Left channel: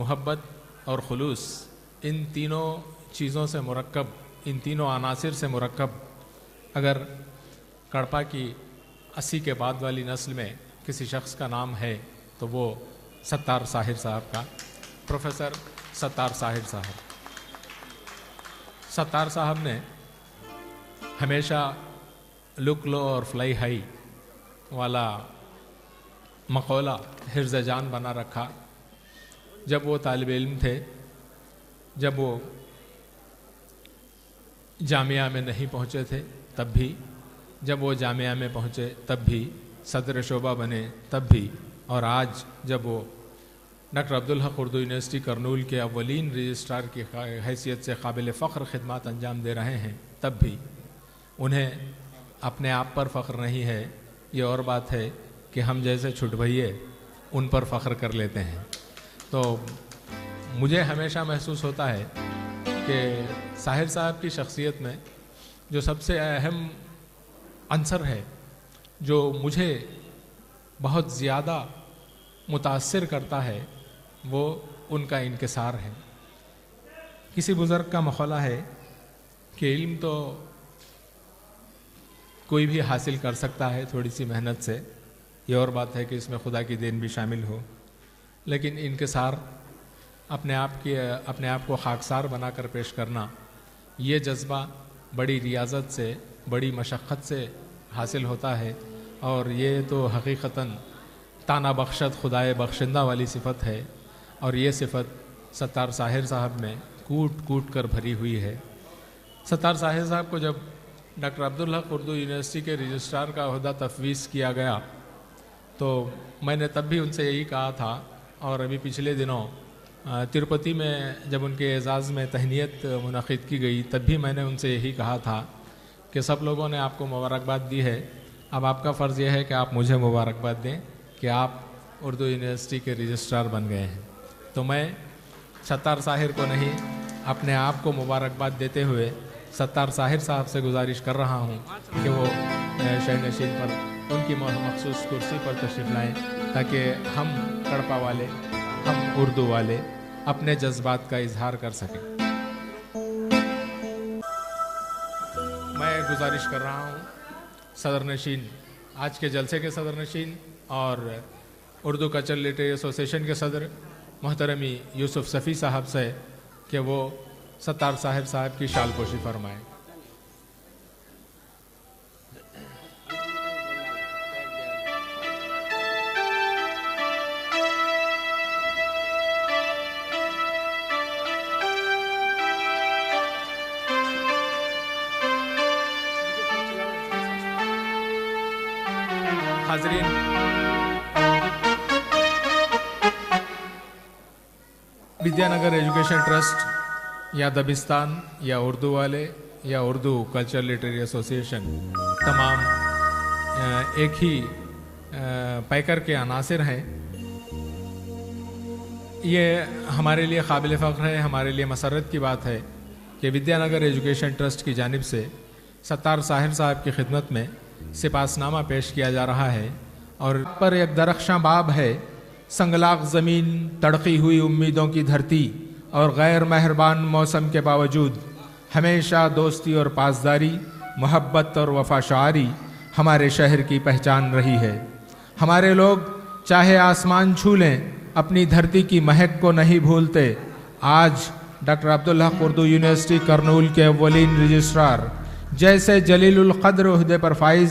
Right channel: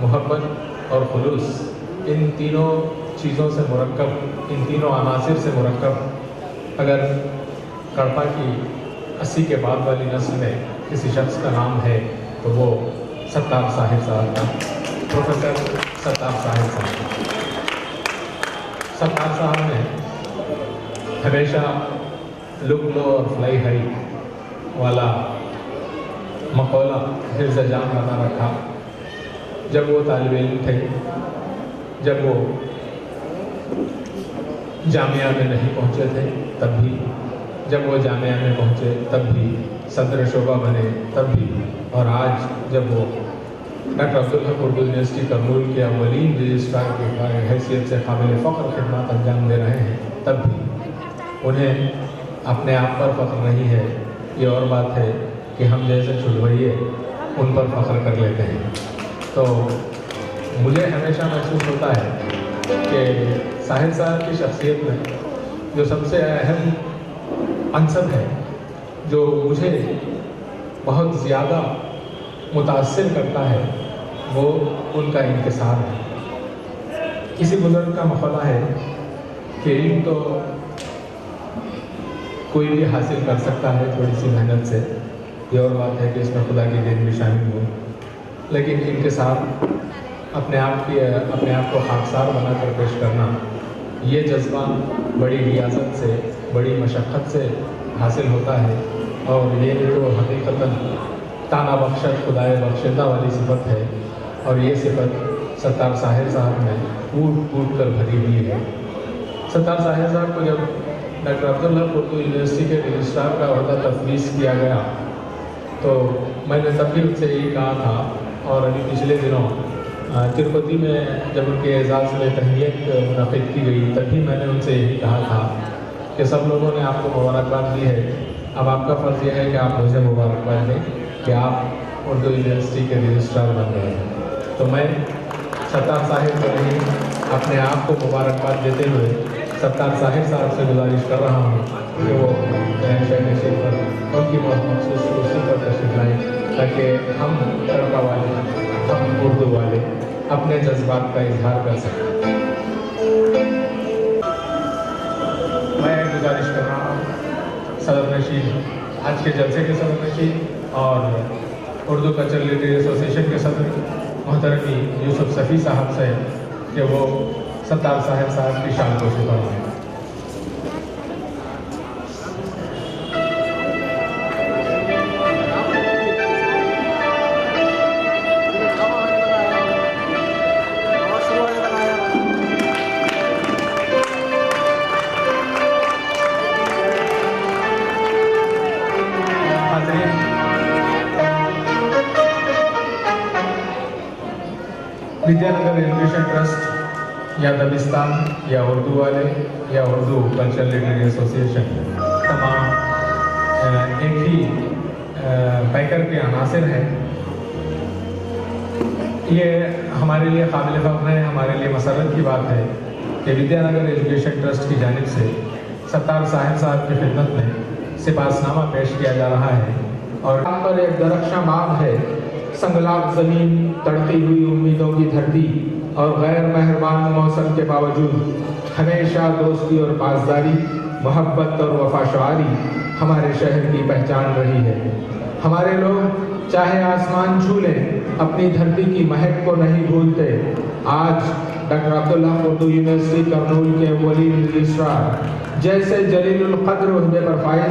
محبت اور خلوص، ان تینوں چیزوں سے مرکب، ان تینوں عناصر سے مرکب اگر کڑپا کی 80 کے بعد والی نسل میں کسی شخص کا نام ہے تو وہ ستار ساحر صاحب کا، پروفیسر ستار ساحر صاحب۔ ستار صاحب نے ہمیشہ لک لو اور فلائی ہائی والا مقولہ حفظ جان بنا رکھا۔ جب وہ طالب علم تھے، جب وہ جامعہ میں نہیں پہنچے تھے تب بھی، جب وہ جامعہ میں پہنچے تب بھی، صدر شعبہ بنے تب بھی، اور آج جب وہ ڈاکٹر عبدالحق اردو یونیورسٹی کرنول کے اولین رجسٹرار کی حیثیت سے قابل فخر خدمات انجام دے رہے ہیں تب بھی انہیں اپنے آپ پر فخر نہیں ہے۔ یہ اور بات ہے کہ ہم جیسے چھڑوئیے ان پر فخر کر لیتے ہیں۔ تو مجھے ہمیشہ محسوس ہوتا ہے کہ ساحر صاحب کی شخصیت میں جو سب سے اہم عنصر ہے، جو مجھے بہت زیادہ متاثر کرتا ہے، وہ ان کا انکسار ہے۔ کسی بزرگ کا مقولہ ہے کہ علم تو کوئی بھی حاصل کر سکتا ہے تھوڑی سی محنت سے، یہ اور بات ہے کہ اس میں خدا کی دین بھی شامل ہو، لیکن انکسار، اپنے آپ کو خاکسار بنا کر پیش کرنا، یہ جذبہ بڑی ریاضت سے، بڑی مشقت سے حاصل ہوتا ہے، اور یہ تو حقیقتاً تانا بخشت خدائے بخشندہ والی صفت ہے، اور یہ صفت ستار ساحر صاحب میں کوٹ کوٹ کر بھری ہوئی ہے۔ ستار ساحر صاحب کو جب ڈاکٹر عبدالحق اردو یونیورسٹی کے رجسٹرار کا عہدہ تفویض کیا گیا تو میں نے تب بھی ان سے یہی کہا تھا، اور ابھی پچھلے دنوں تروپتی میں جب ان کے اعزاز میں تہنیت منعقد کی گئی تب بھی میں نے ان سے یہی کہا تھا کہ سب لوگوں نے آپ کو مبارکباد دی ہے، اب آپ کا فرض یہ ہے کہ آپ مجھے مبارکباد دیں کہ آپ اردو یونیورسٹی کے رجسٹرار بن گئے ہیں۔ تو میں ستار صاحب کو نہیں، اپنے آپ کو مبارکباد دیتے ہوئے ستار صاحب صاحب سے گزارش کر رہا ہوں کہ وہ شہر نشین پر ان کی مخصوص کرسی پر تشریف لائیں تاکہ ہم کڑپا والے، ہم اردو والے اپنے جذبات کا اظہار کر سکیں۔ میں گزارش کر رہا ہوں صدر نشین، آج کے جلسے کے صدر نشین اور اردو کلچرل لٹریری ایسوسیشن کے صدر محترم یوسف صفی صاحب سے کہ وہ ستار ساحر صاحب کی شان کو فرمائیں۔ ودیا نگر ایجوکیشن ٹرسٹ یا دبستان یا اردو والے یا اردو کلچرل لٹریری ایسوسیشن تمام ایک ہی پیکر کے عناصر ہیں۔ یہ ہمارے لیے قابل فخر ہے، ہمارے لیے مسرت کی بات ہے کہ ودیا نگر ایجوکیشن ٹرسٹ کی جانب سے ستار ساحر صاحب کی خدمت میں سپاسنامہ پیش کیا جا رہا ہے، اور یہاں پر ایک درخشاں باغ ہے، سنگلاق زمین، تڑپی ہوئی امیدوں کی دھرتی، اور غیر مہربان موسم کے باوجود ہمیشہ دوستی اور پاسداری، محبت اور وفا شعاری ہمارے شہر کی پہچان رہی ہے۔ ہمارے لوگ چاہے آسمان چھو لیں، اپنی دھرتی کی مہک کو نہیں بھولتے۔ آج ڈاکٹر عبدالحق اردو یونیورسٹی کرنول کے اولین رجسٹرار جیسے جلیل القدر عہدے پر فائز،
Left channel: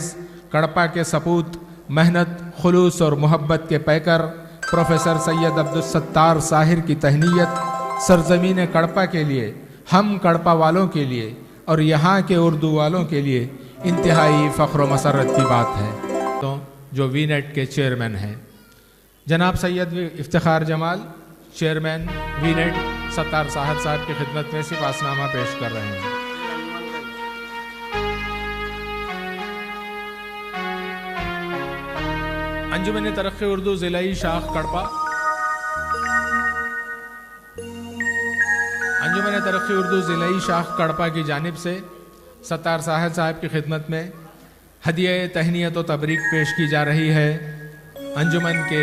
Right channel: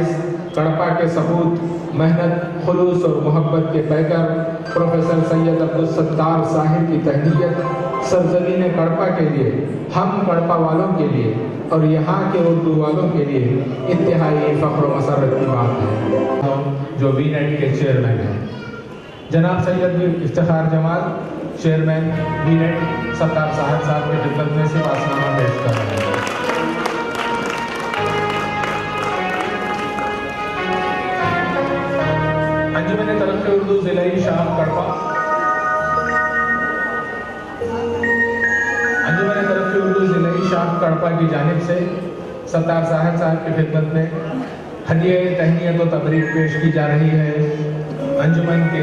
کڑپا کے ثبوت، محنت، خلوص اور محبت کے پیکر پروفیسر سید عبدالستار ساحر کی تہنیت سرزمین کڑپا کے لیے، ہم کڑپا والوں کے لیے اور یہاں کے اردو والوں کے لیے انتہائی فخر و مسرت کی بات ہے۔ جو وی نیٹ کے چیئرمین ہیں جناب سید افتخار جمال، چیئرمین وی نیٹ، ستار ساحر صاحب کی خدمت میں سپاسنامہ پیش کر رہے ہیں۔ انجمن ترقی اردو ضلعی شاخ کڑپا، انجمن ترقی اردو ضلعی شاخ کڑپا کی جانب سے ستار ساحر صاحب کی خدمت میں ہدیہ تہنیت و تبریک پیش کی جا رہی ہے۔ انجمن کے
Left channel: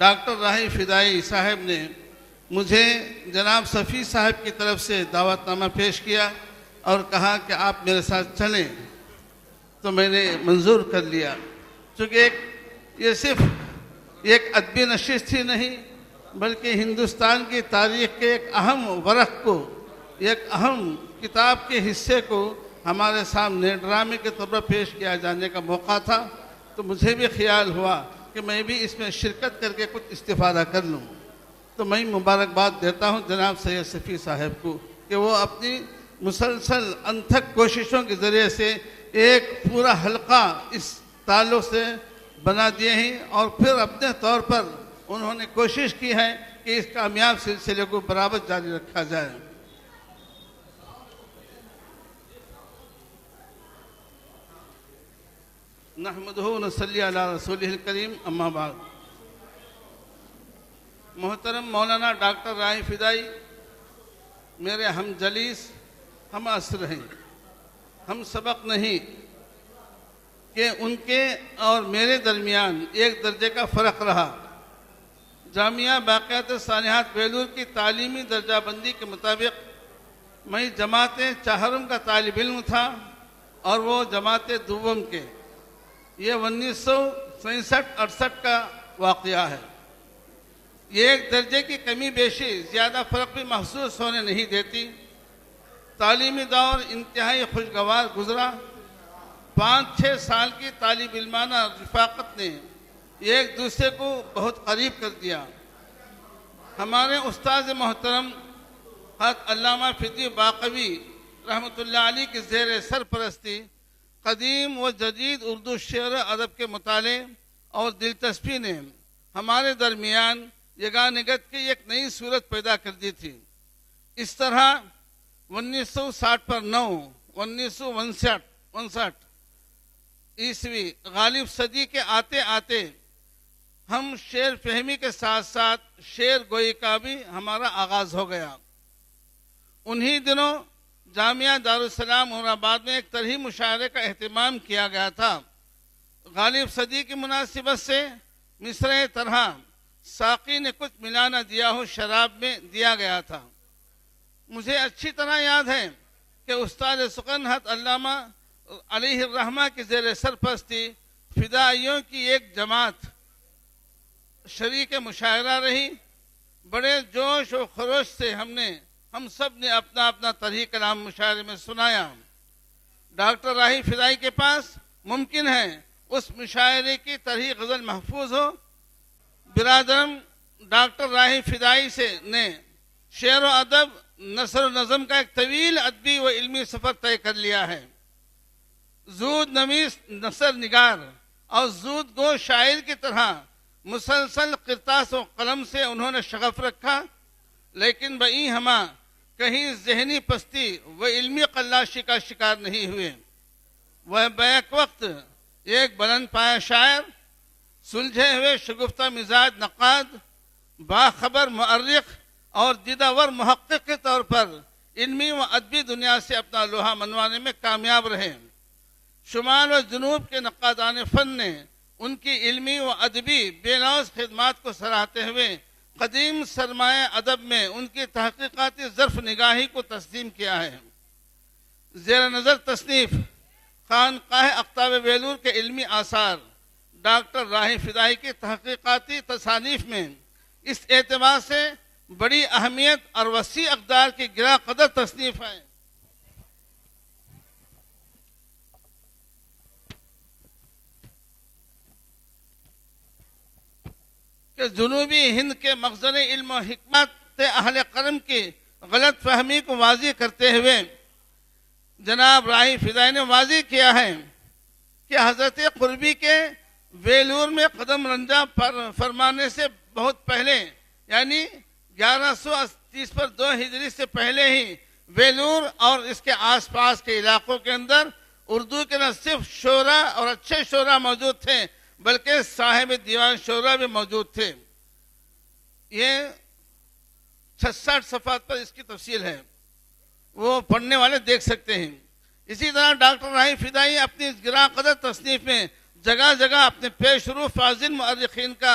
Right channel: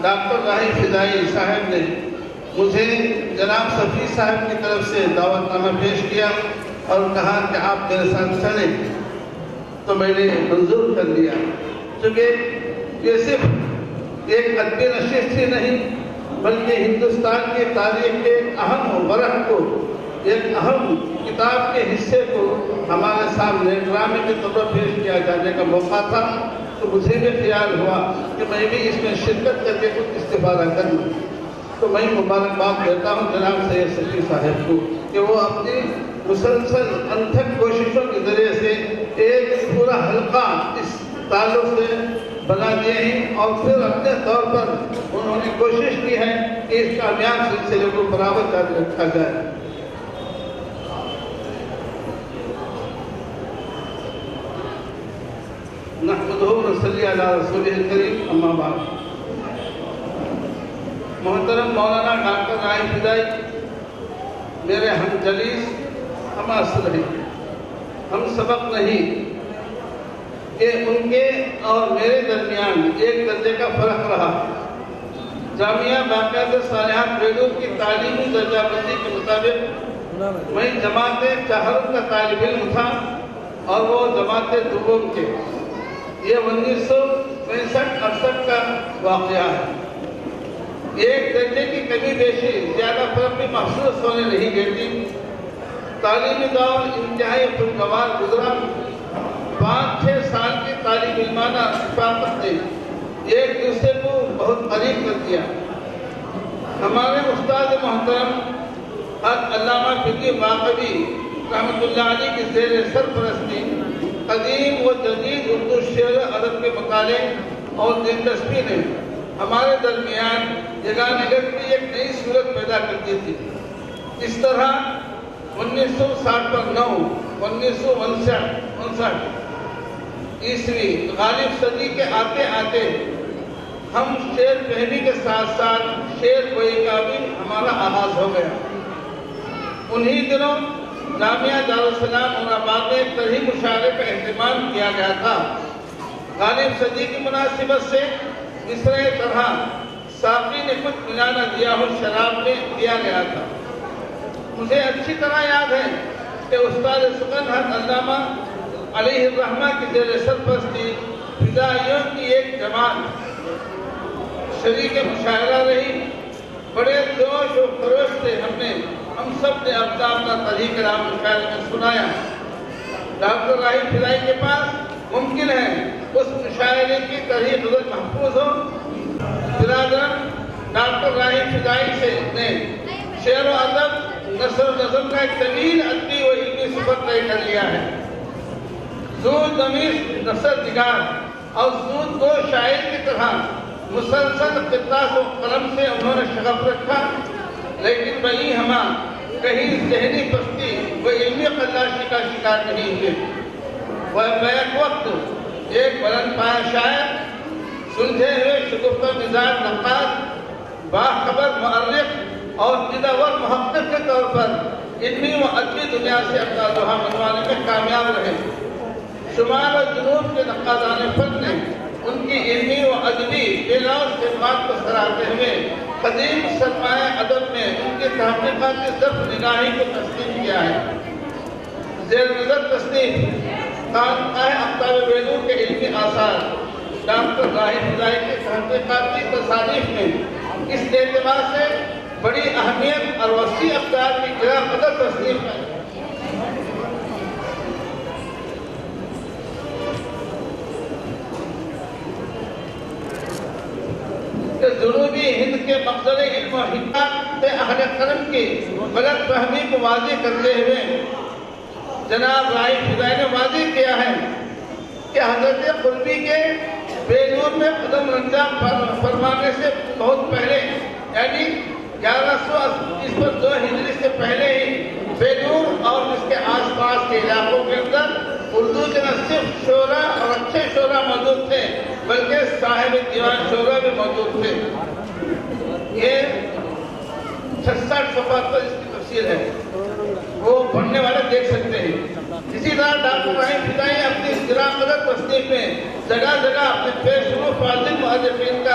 ڈاکٹر راہی فدائی صاحب نے مجھے جناب صفی صاحب کی طرف سے دعوت نامہ پیش کیا اور کہا کہ آپ میرے ساتھ چلیں، تو میں نے منظور کر لیا، چونکہ یہ صرف ایک ادبی نشست ہی نہیں بلکہ ہندوستان کی تاریخ کے ایک اہم ورق کو، ایک اہم کتاب کے حصے کو ہمارے سامنے ڈرامے کے طور پر پیش کیا جانے کا موقع تھا، تو مجھے بھی خیال ہوا کہ میں بھی اس میں شرکت کر کے کچھ استفادہ کر لوں۔ تو میں مبارکباد دیتا ہوں جناب سید صفی صاحب کو کہ وہ اپنی مسلسل انتھک کوششوں کے ذریعے سے ایک پورا حلقہ اس تعلق سے بنا دیے ہیں، اور پھر اپنے طور پر انہوں نے کوشش کی ہے کہ اس کامیاب سلسلے کو برابر جاری رکھا جائے۔ نحمدہ و نصلی علی رسولہ الکریم، اما بعد۔ محترم مولانا ڈاکٹر راہی فدائی میرے ہم جلیس، ہم اصل ہیں، ہم سبق نہیں کہ ان کے اور میرے درمیان ایک درجے کا فرق رہا۔ جامعہ باقیات صالحات بیلور کی تعلیمی درجہ بندی کے مطابق میں جماعت چہارم کا طالب علم تھا اور وہ جماعت دوم کے۔ یہ 1965-68 کا واقعہ ہے۔ ایک درجے کی کمی بیشی زیادہ فرق بھی محسوس ہونے نہیں دیتی۔ تعلیمی دور انتہائی خوشگوار گزرا۔ 5-6 سال کی طالب علمانہ رفاقت نے ایک دوسرے کو بہت قریب کر دیا۔ ہمارے استاد محترم علامہ فقی باقوی رحمۃ اللہ علیہ کی زیر سرپرستی قدیم و جدید اردو شعر ادب کے مطالعے اور دلچسپی نے ہمارے درمیان یگانگت کی ایک نئی صورت پیدا کر دی تھی۔ اس طرح 1960 پر 1959 عیسوی غالب صدی کے آتے آتے ہم شعر فہمی کے ساتھ ساتھ شعر گوئی کا بھی ہمارا آغاز ہو گیا۔ انہی دنوں جامعہ دارالسلام مرآباد میں ایک طرحی مشاعرے کا اہتمام کیا گیا تھا۔ غالب صدی کی مناسبت سے مصرع طرح ساقی نے کچھ ملا نہ دیا ہو شراب میں دیا گیا تھا۔ مجھے اچھی طرح یاد ہے کہ استاد سکن علامہ علیہ الرحمہ کی زیر سرپرستی فدائیوں کی ایک جماعت شریک مشاعرہ رہی۔ بڑے جوش و خروش سے ہم سب نے اپنا اپنا طریق رام مشاعرے میں سنایا۔ ڈاکٹر راہی فدائی کے پاس ممکن ہے اس مشاعرے کی طریق غزل محفوظ ہو۔ برادران، ڈاکٹر راہی فدائی نے شعر و ادب، نثر و نظم کا ایک طویل ادبی و علمی سفر طے کر لیا ہے۔ زود نویس نثر نگار اور زود کو شاعر کی طرح مسلسل قطاس و قلم سے انہوں نے شغف رکھا، لیکن وہیں ہما کہیں ذہنی پستی و علمی قلاشی کا شکار نہیں ہوئے۔ وہ بیک وقت ایک بلند پایہ شاعر، سلجھے ہوئے شگفتہ مزاج نقاد، باخبر مؤرخ اور جداور محقق کے طور پر علمی و ادبی دنیا سے اپنا لوہا منوانے میں کامیاب رہے۔ شمال و جنوب کے نقادان فن نے ان کی علمی و ادبی بے ناز خدمات کو سراہتے ہوئے قدیم سرمایہ ادب میں ان کی تحقیقاتی ظرف نگاہی کو تسلیم کیا ہے۔ زیر نظر تصنیف خانقاہ اقطاب بیلور کے علمی آثار ڈاکٹر راہی فدائی کے تحقیقاتی تصانیف میں اس اعتبار سے بڑی اہمیت اور وسیع اقدار کی گرہ قدر تصنیف ہے۔ جنوبی ہند کے مقصد علم و حکمت اہل قرن کی غلط فہمی کو واضح کرتے ہوئے جناب راہی فدائی نے واضح کیا ہے کہ حضرت قربی کے بیلور میں قدم رنجہ فرمانے سے بہت پہلے، یعنی 1132 ہجری سے پہلے ہی بیلور اور اس کے آس پاس کے علاقوں کے اندر اردو کے نہ صرف شعراء اور اچھے شعراء موجود تھے بلکہ صاحب دیوان شعراء بھی موجود تھے۔ یہ 66 صفحات پر اس کی تفصیل ہے، وہ پڑھنے والے دیکھ سکتے ہیں۔ اسی طرح ڈاکٹر راہی فدائی اپنی گرہ قدر تصنیف میں جگہ جگہ اپنے پیش رو فاضل مؤرخین کا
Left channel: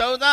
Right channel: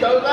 14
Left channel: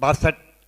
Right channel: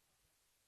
62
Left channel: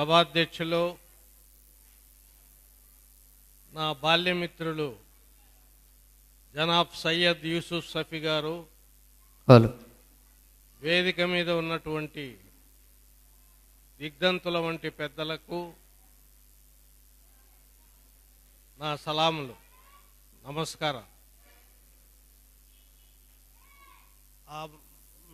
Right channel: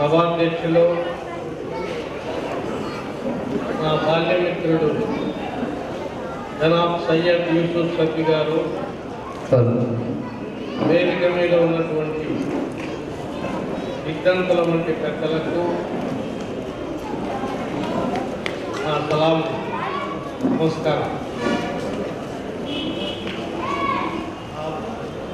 సభాధ్యక్షులు నా బాల్యమిత్రుడు జనాబ్ సయ్యద్ యూసుఫ్ సఫీ గారు, వేదిక మీద ఉన్నటువంటి ఇద్దంతుల వంటి పెద్దలకు నా సలాం నమస్కారం.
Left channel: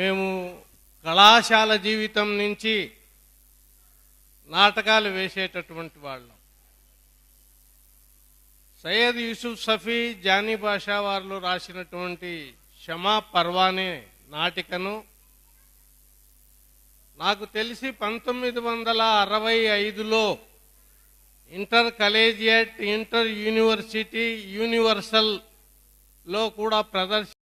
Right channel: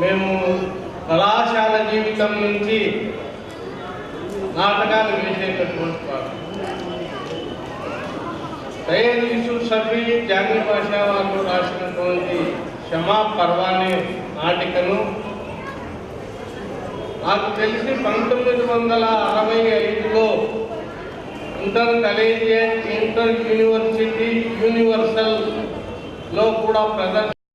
మేము కళాశాల జీవితం నుంచి నాటకాలు వేసేటటువంటి వాడు. సయ్యద్ యూసుఫ్ సఫీ జానీ భాషా వాళ్ళు రాసినటువంటి క్షమా పర్వానే నాటికను నాకు తెలిసి 1965లో ఇంటర్ కలేజియేట్ ఇంటర్ యూనివర్సిటీ యూనివర్సల్లో కూడా ప్రదర్శన